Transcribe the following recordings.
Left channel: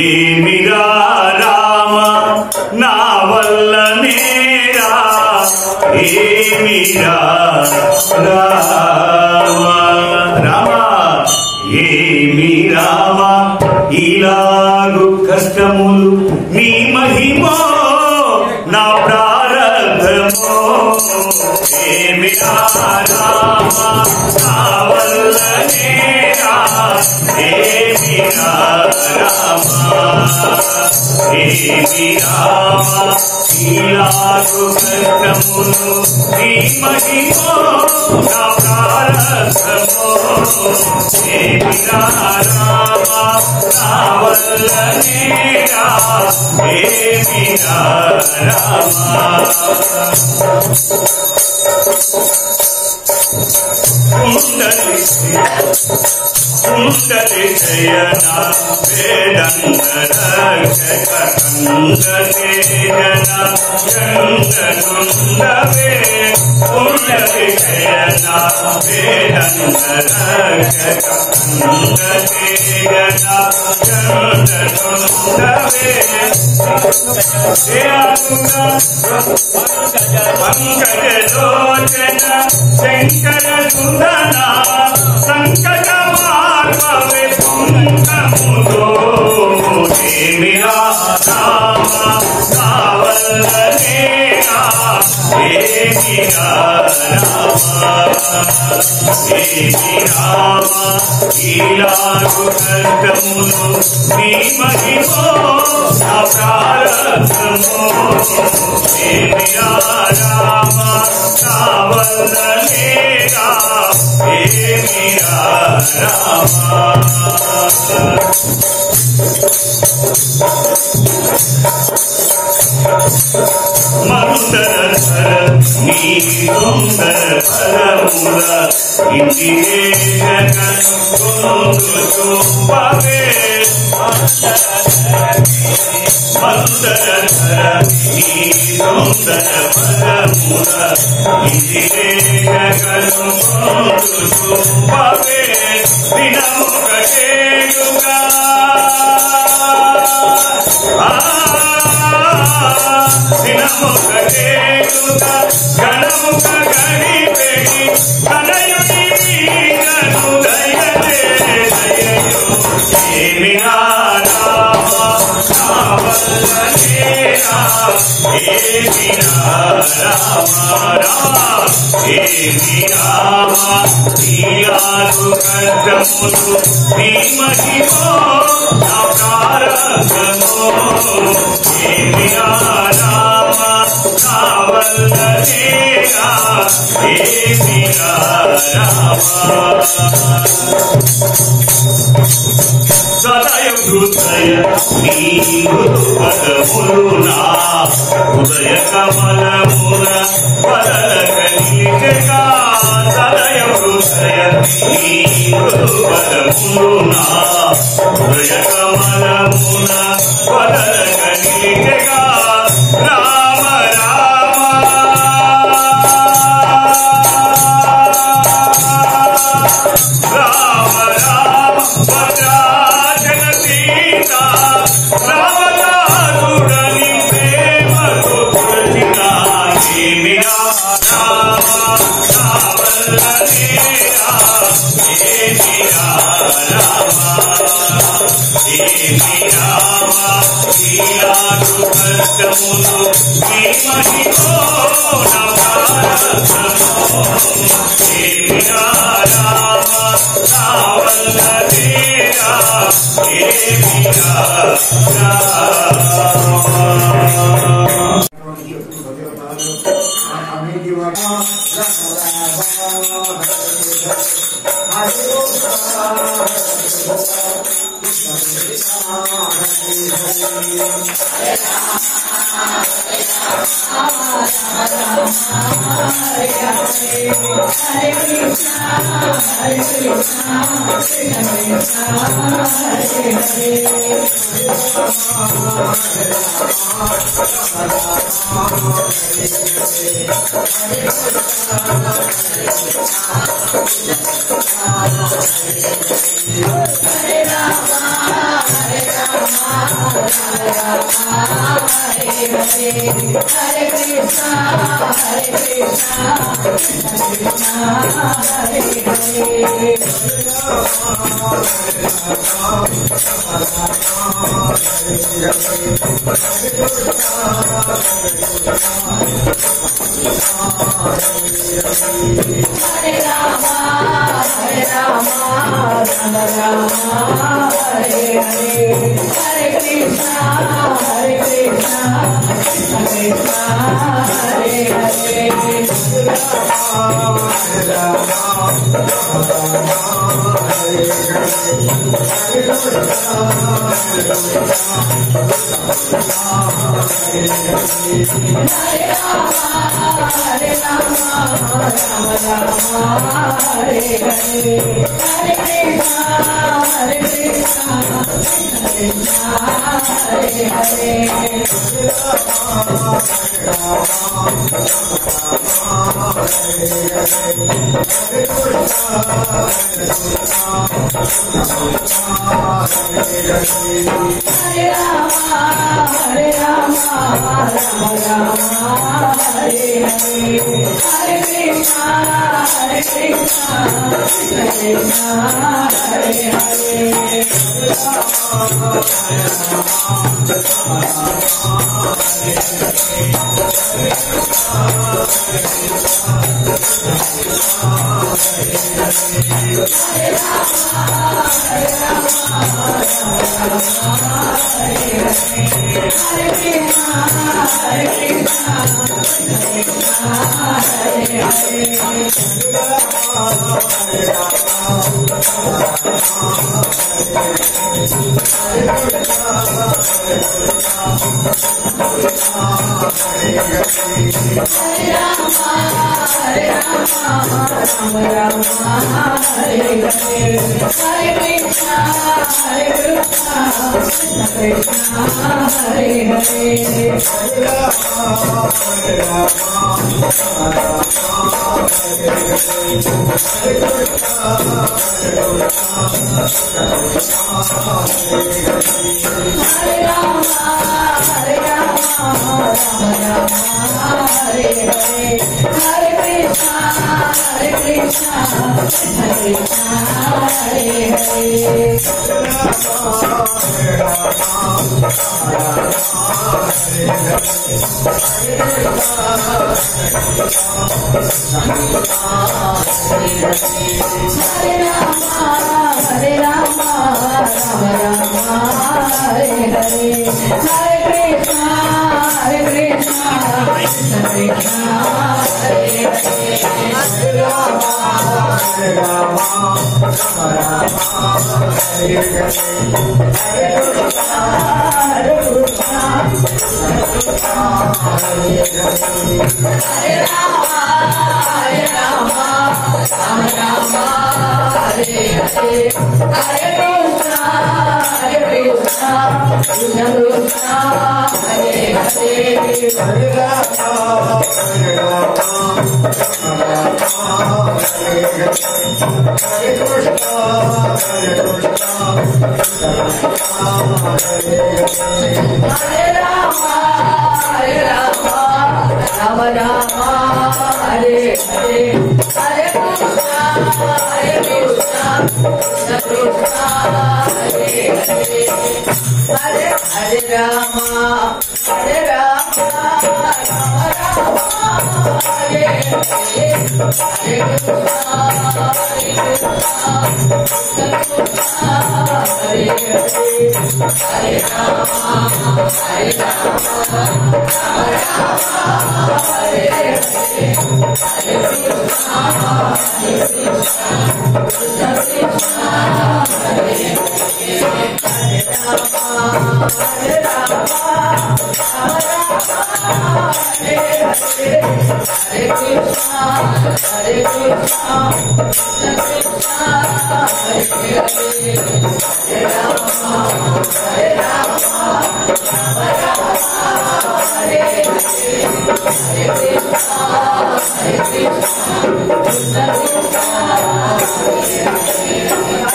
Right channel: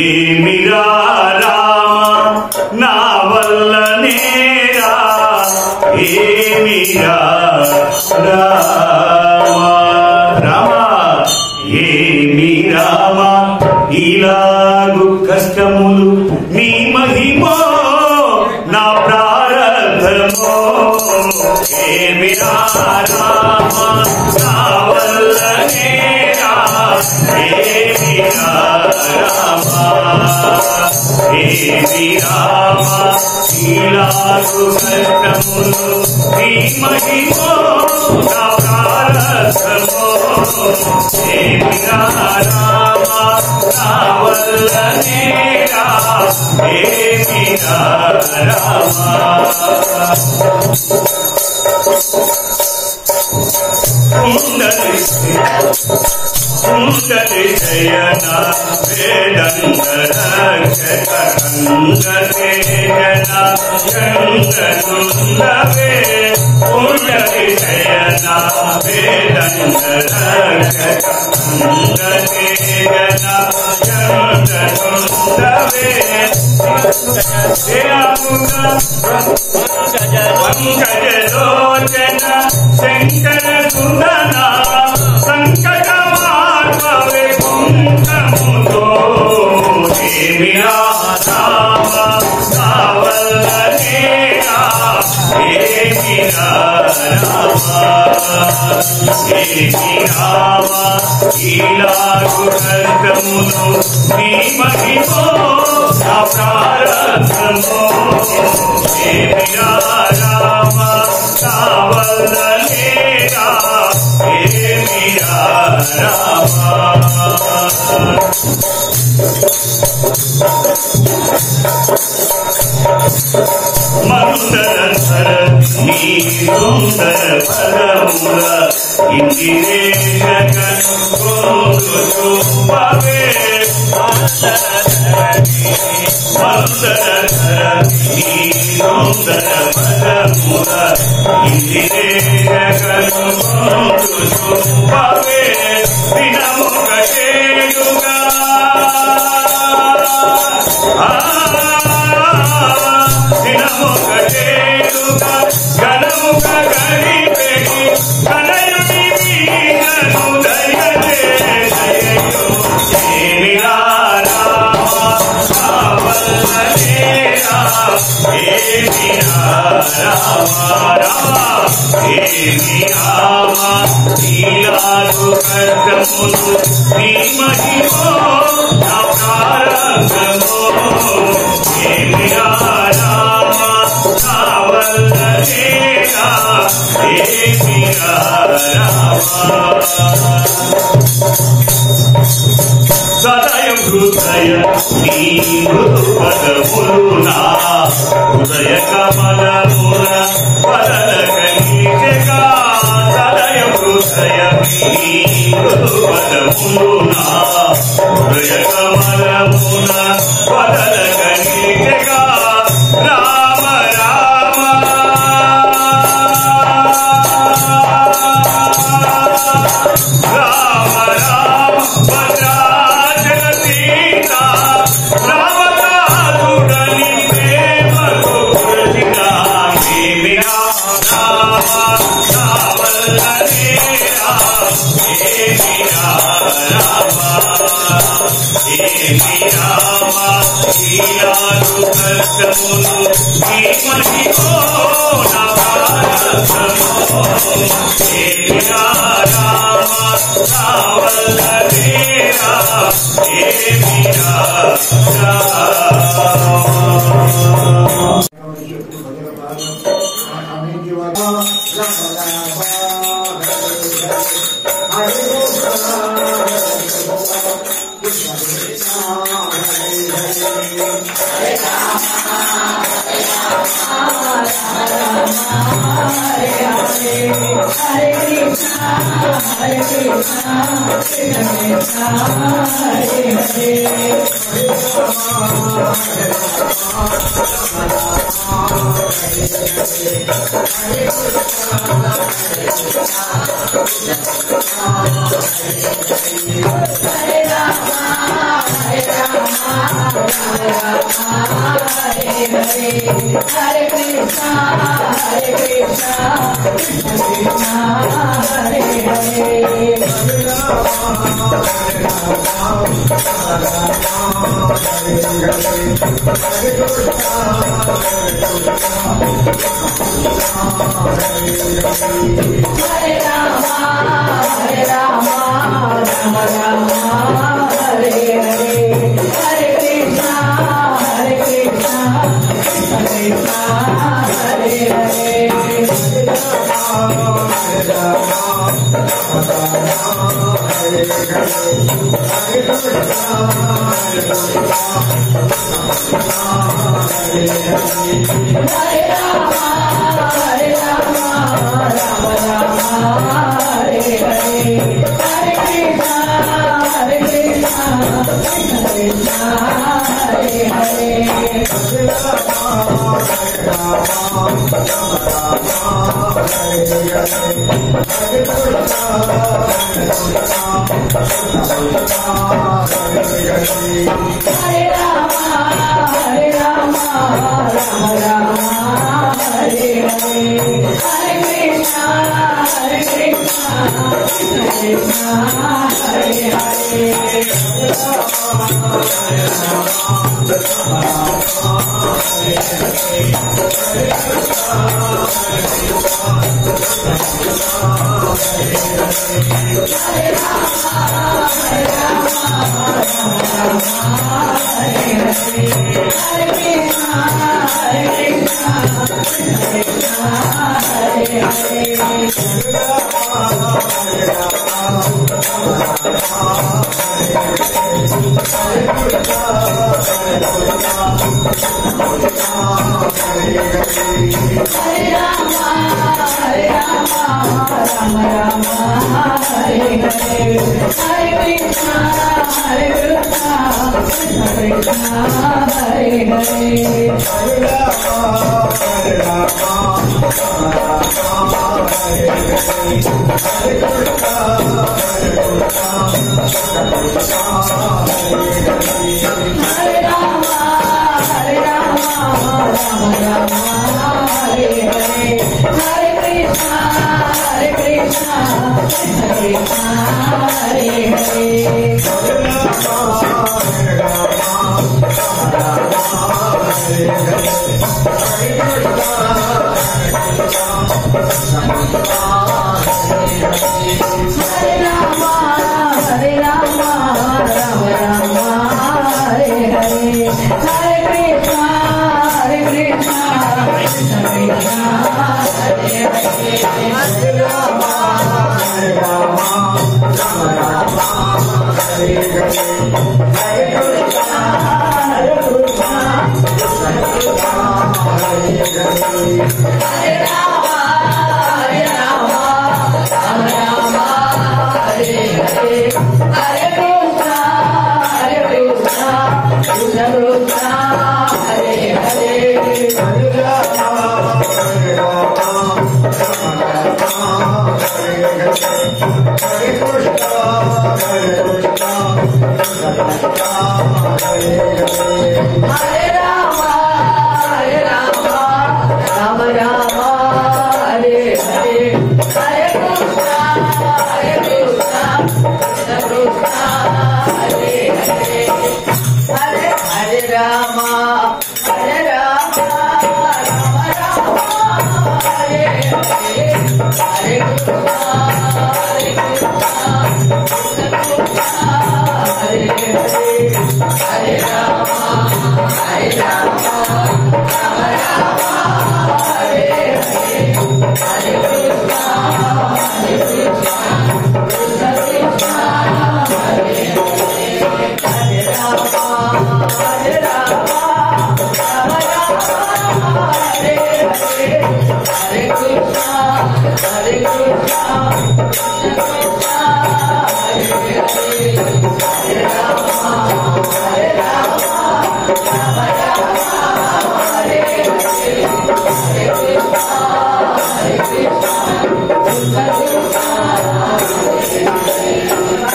ఏమిరా రామ నా వల్ల నేరా ఏమిరా రామ రామ ఏమి రామ ఇలాగు కష్టములు నీ మహిమో నా ప్రారబ్ధమో ఏమిరా రామ నా వల్ల నేరా ఏమిరా రామ ఏమి రామ ఇలాగు కష్టములు నీ మహిమో నా ప్రారబ్ధమో ఏమిరా రామ నా వల్ల నేరా ఏమిరా రామ కుండలి జయన వేదంగరక్షక కందతేజన చందనుందవే కుండలి జయన వేదంగరక్షక కందతేజన చందనుందవే పంకజలోచన శంకర సుందన సంకట మార్పవే పుంకముతో ఏమిరా రామ నా వల్ల నేరా ఏమిరా రామ ఏమి రామ ఇలాగు కష్టములు నీ మహిమో నా ప్రారబ్ధమో ఏమిరా రామ నా వల్ల నేరా ఏమిరా రామ మందరధర నీ సుందర పదముల ఇంటినే జగను గోందు చూపవే మందరధర నీ సుందర పదముల ఇంటినే జగను గోందు చూపవే దినముకటేడుగా దినముకటేడుగా గణముక గడిపెడి కనయుని మీదను దయలే దయయో ఏమిరా రామ నా వల్ల నేరా ఏమిరా రామ రామ ఏమి రామ ఇలాగు కష్టములు నీ మహిమో నా ప్రారబ్ధమో ఏమిరా రామ నా వల్ల నేరా ఏమిరా రామ సదయ హృదయ నీ మృదు పదములు నా హృదయ కమలముల పదలక నిలిచెగా సదయ హృదయ నీ మృదు పదములు నా హృదయ కమలముల పదలక నిలిచెగా రామ రామ రామ రామ భద్రాచల సీత రామనాథుడని ప్రేమతో పురచిన ఏమిరా రామ నా వల్ల నేరా ఏమిరా రామ ఏమి రామ ఇలాగు కష్టములు నీ మహిమో నా ప్రారబ్ధమో ఏమిరా రామ నా వల్ల నేరా ఏమిరా Hare Rama, Hare Rama.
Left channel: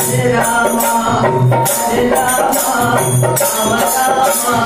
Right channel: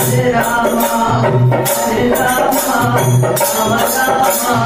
Hare Rama, Hare Rama, Hare